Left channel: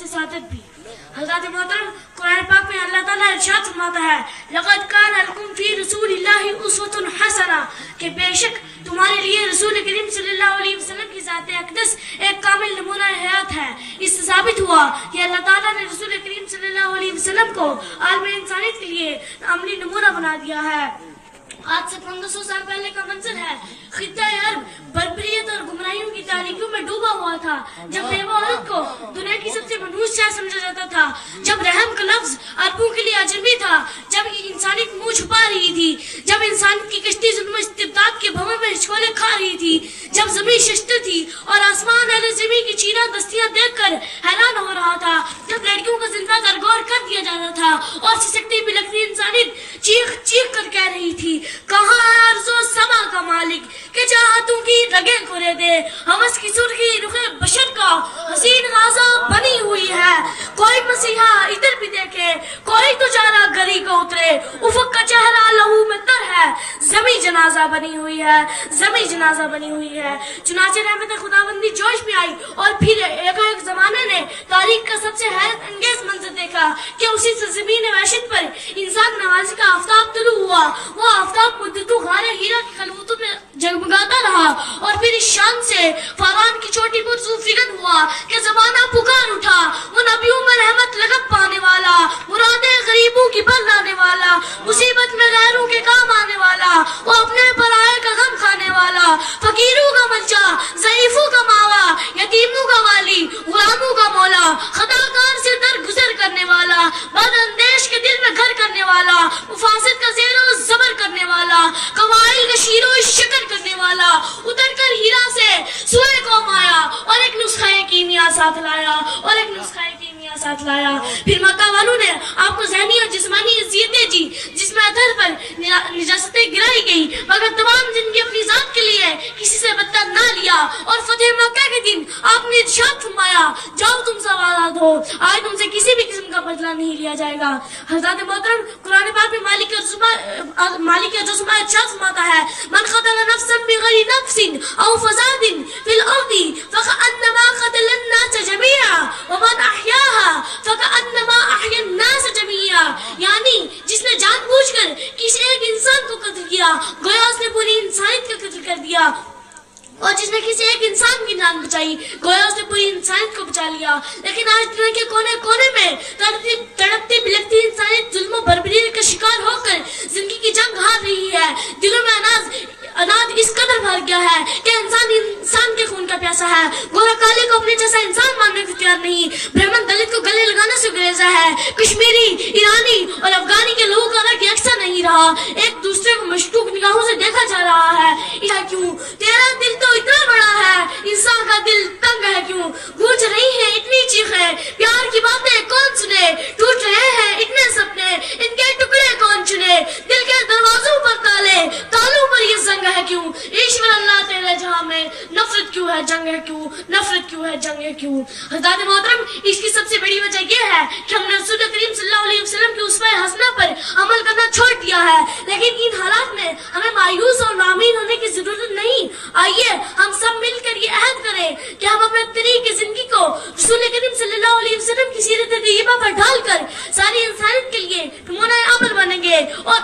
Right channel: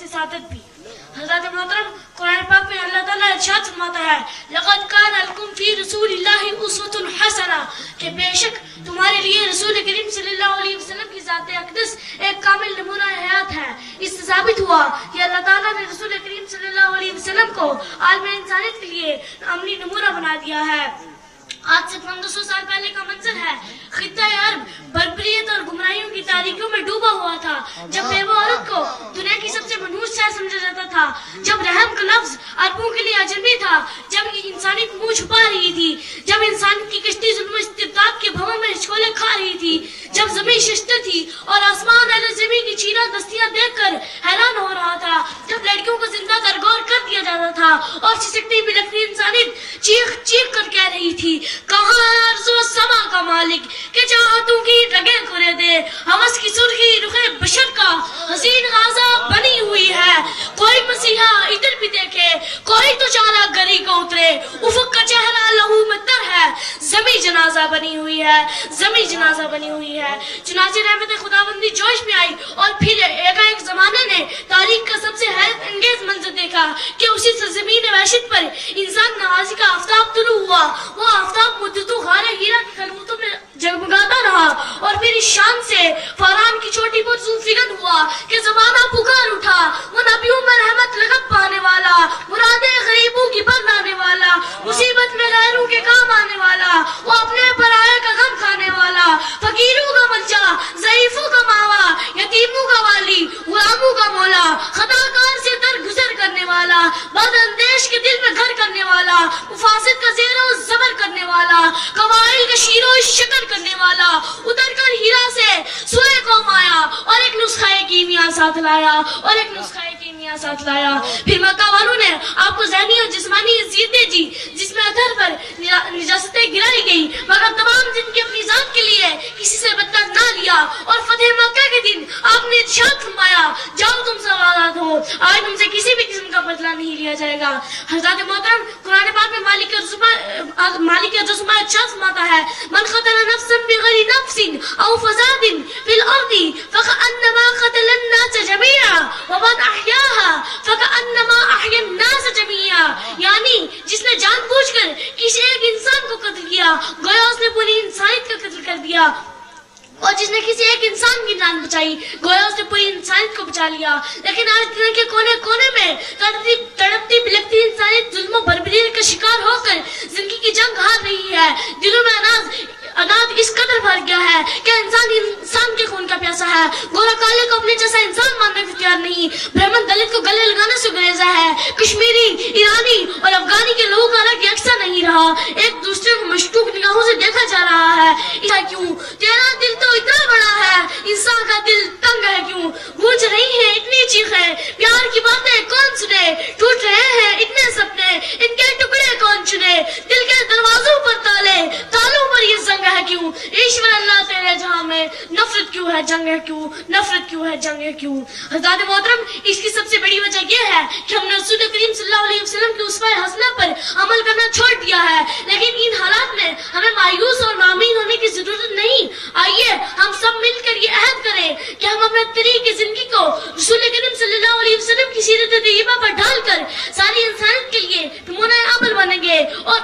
से सादत भी। हज़रत मोहतरम कुरान पाक में अल्लाह ताला इरशाद फरमाता है, लक़द कान लकुम फी रसूलिल्लाहि उस्वतुन हसना, कि बेशक तुम्हारे लिए रसूल करीम सल्लल्लाहु अलैहि वसल्लम की ज़ात अक़दस एक कामिल नमूना हयात है। इससे साबित हुआ कि अल्लाह ताला ने रसूल करीम सल्लल्लाहु अलैहि वसल्लम को आलम इंसानियत के लिए अमली नमूना बना दिया है। आज से 1500 साल पहले का मंजर है, खित्ता अरब बर्बरियत और गुमराहियों की तारीकियों में डूबा हुआ था। जब बेवा औरत को दुनिया की सबसे मनहूस शाह समझा जाता था, जब रहम का लफ्ज अरबों के लिए अजनबी था, जब इंसानियत मुंह छुपा रही थी, जब इंसान की कश्ती जुल्म इस्तिबदाद के भवन में हिचकोले खा रही थी, जब जमीन शिश्त थी और आसमान अहले ज़मीन की चीना दस्तियां देखकर हैरान हो रहा था, जब लड़कियों को जिंदा दरगोर कर दिया जाता था और सिसकती बिलखती इंसानियत चीख चीख कर कह रही थी, कहाँ अर्ज़ो समा का मालिक कि चाहतों की रगें कुरे दे, हवस की सुर्खी रुखे बशर का हसीन गाज़ा बनी हुई है। कोई मसीहा इधर भी देखे, कोई तो चारा गरी को उतरे, उफक का चेहरा लहू में तर है, जमी जनाजा बनी हुई है, जमी जनाजा बनी हुई है। चुनाचे रहमत खुदाबंदी जोश में आई और फिर एक जमाने ने तारीख का सबसे हैरत अंगेज मंजर देखा कि उसी सरजमीन वहशत पर इंसान नवाजी का आफ्ताब तुलू हुआ। वो आफ्ताब मुद्दतों गारे हीरा की खलूतों में जगमगाता रहा और फिर इस शान से फराम की चोटी पर जुल्फिगन हुआ कि ज़माना पुकार उठा। वो नबियों में रहमत लगत पाने वाला, मुरादे गरीबों की पर लाने वाला, मुसीबत में गैरों के काम आने वाला, वो अपने पराये का गम खाने वाला, फकीरों का बच्चा, ज़ईफों का मावा, यतीमों का वाली, गुलामों का मौला, खताकार से दर गुजर करने वाला, बदअंदेश के दिल में घर करने वाला, मुफासिद का ज़ेरो ज़बर करने वाला, कवाइल का शीरो शक्कर करने वाला, उतर कर हीरा से सुए को माया और एक नुस्खा कीमिया साथ लाया और एक नुस्खा कीमिया साथ लाया। फिर मक्का वालों ने आपको ज़हनी और जिस्मानी इज़्ज़तें दी, जिसमें अधर पर निजासतें गिराई गई, मगर तमाम जिनकी अपनी जात के लिए किसी से बदला ना लिया। और फतेह मक्का के दिन आपने इरशाद फरमाया, जाओ तुम सवालात हो, आज तुमसे किसी भी किस्म का बदला नहीं लिया जाएगा। हज़रत मोहतरम कुरान पाक में मालिक रज़ुमा इरशाद फरमाता है, मन क़तल नफ्सन बिग़ैरि नफ्सिन औ फ़सादिन फिल अर्दि फ़कअन्नमा क़तला अन्नास जमीआ व मन अहयाहा फ़कअन्नमा अहया अन्नास जमीआ। यानी जिसने जानबूझकर किसी एक इंसान को कत्ल किया, गोया उसने पूरी इंसानियत का कत्ल कर दिया, और जिसने किसी एक इंसान की जान बचाई, गोया उसने पूरी इंसानियत को बचा लिया। लेकिन आज दुनिया के कोने कोने में तड़पती बिलखती इंसानियत जुल्म बर्बरियत का शिकार होकर जिंदगी की जंग हार रही है। दिलों में अनाज इस कदर भर गया है कि इंसान के खून का प्यासा है। गोरा काले को अपने जैसा इंसान मानने को तैयार नहीं, ब्राह्मण दलित को गले लगाने से गुरेजा है, कश्मीरी, ईरानी और अफगानी के लोगों का रंग यकसा नहीं रहा, एक दूसरे को मशकूक निगाहों से देखा जा रहा है। ऐसा क्यों? तेरा दिल तो इतना बड़ा है, इंसान का दिल तंग है क्यों? गूंज रही है इतनी चीखें, प्यार की बातें कौन सुने? टूट रहे हैं इतने सपने, इनके टुकड़े कौन चुने? दिल के दरवाजों पर तालों पर ये जंग है क्यों? ईश्वर अल्लाह तेरे जहां में नफरत क्यों है, जंग है क्यों? नफरत क्यों है, जंग है क्यों? हज़रत मोहतरम, इसकी सबसे बड़ी वजह यह है कि हमने रसूल करीम सल्लल्लाहु अलैहि वसल्लम की उस्वा हसना पर अमल करना छोड़ दिया है। लेकिन इन हालात में हमें मायूस और नामीन होने की जरूरत नहीं। आइए हम सब मिलकर ये अहद करें कि हम अपने तरीके जिंदगी को रसूल करीम सल्लल्लाहु अलैहि वसल्लम की सीरत तय्यबा पर ढालकर सारी इंसानियत के लिए नमूना अमल बनेंगे और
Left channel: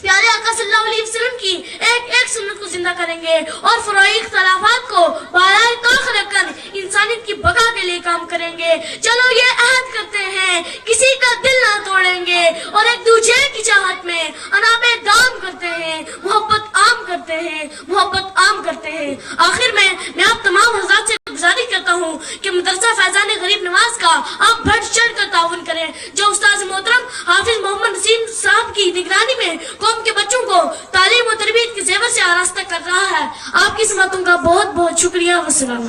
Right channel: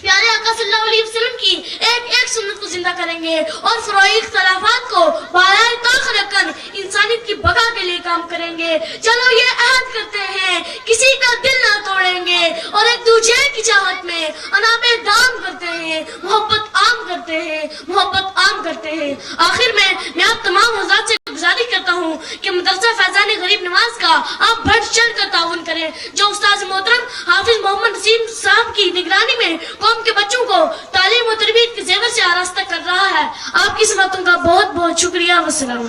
प्यारे आका सल्लल्लाहु अलैहि वसल्लम की एक एक सुन्नत को जिंदा करेंगे और फरोई इख्तिलाफात को बालाए ताख रखकर इंसानियत की बका के लिए काम करेंगे। चलो ये अहद करते हैं, किसी का दिल ना तोड़ेंगे और एक दूसरे की चाहत में अनाबे दाम करते हैं, मोहब्बत आम करते हैं, मोहब्बत आम करते हैं। आखिर में मैं आप तमाम हज़रात से गुजारिश करता हूँ कि मदरसा फैज़ान गरीब नवाज का आप बढ़ चढ़ कर ताउन करें, जो उस्ताद मोहतरम हाफिज मोहम्मद नसीम साहब की निगरानी में कौम के बच्चों को तालीम और तरबियत के ज़ेवर से आरास्ता कर रहा है। आपकी समतों का बहुत बहुत शुक्रिया। वस्सलाम।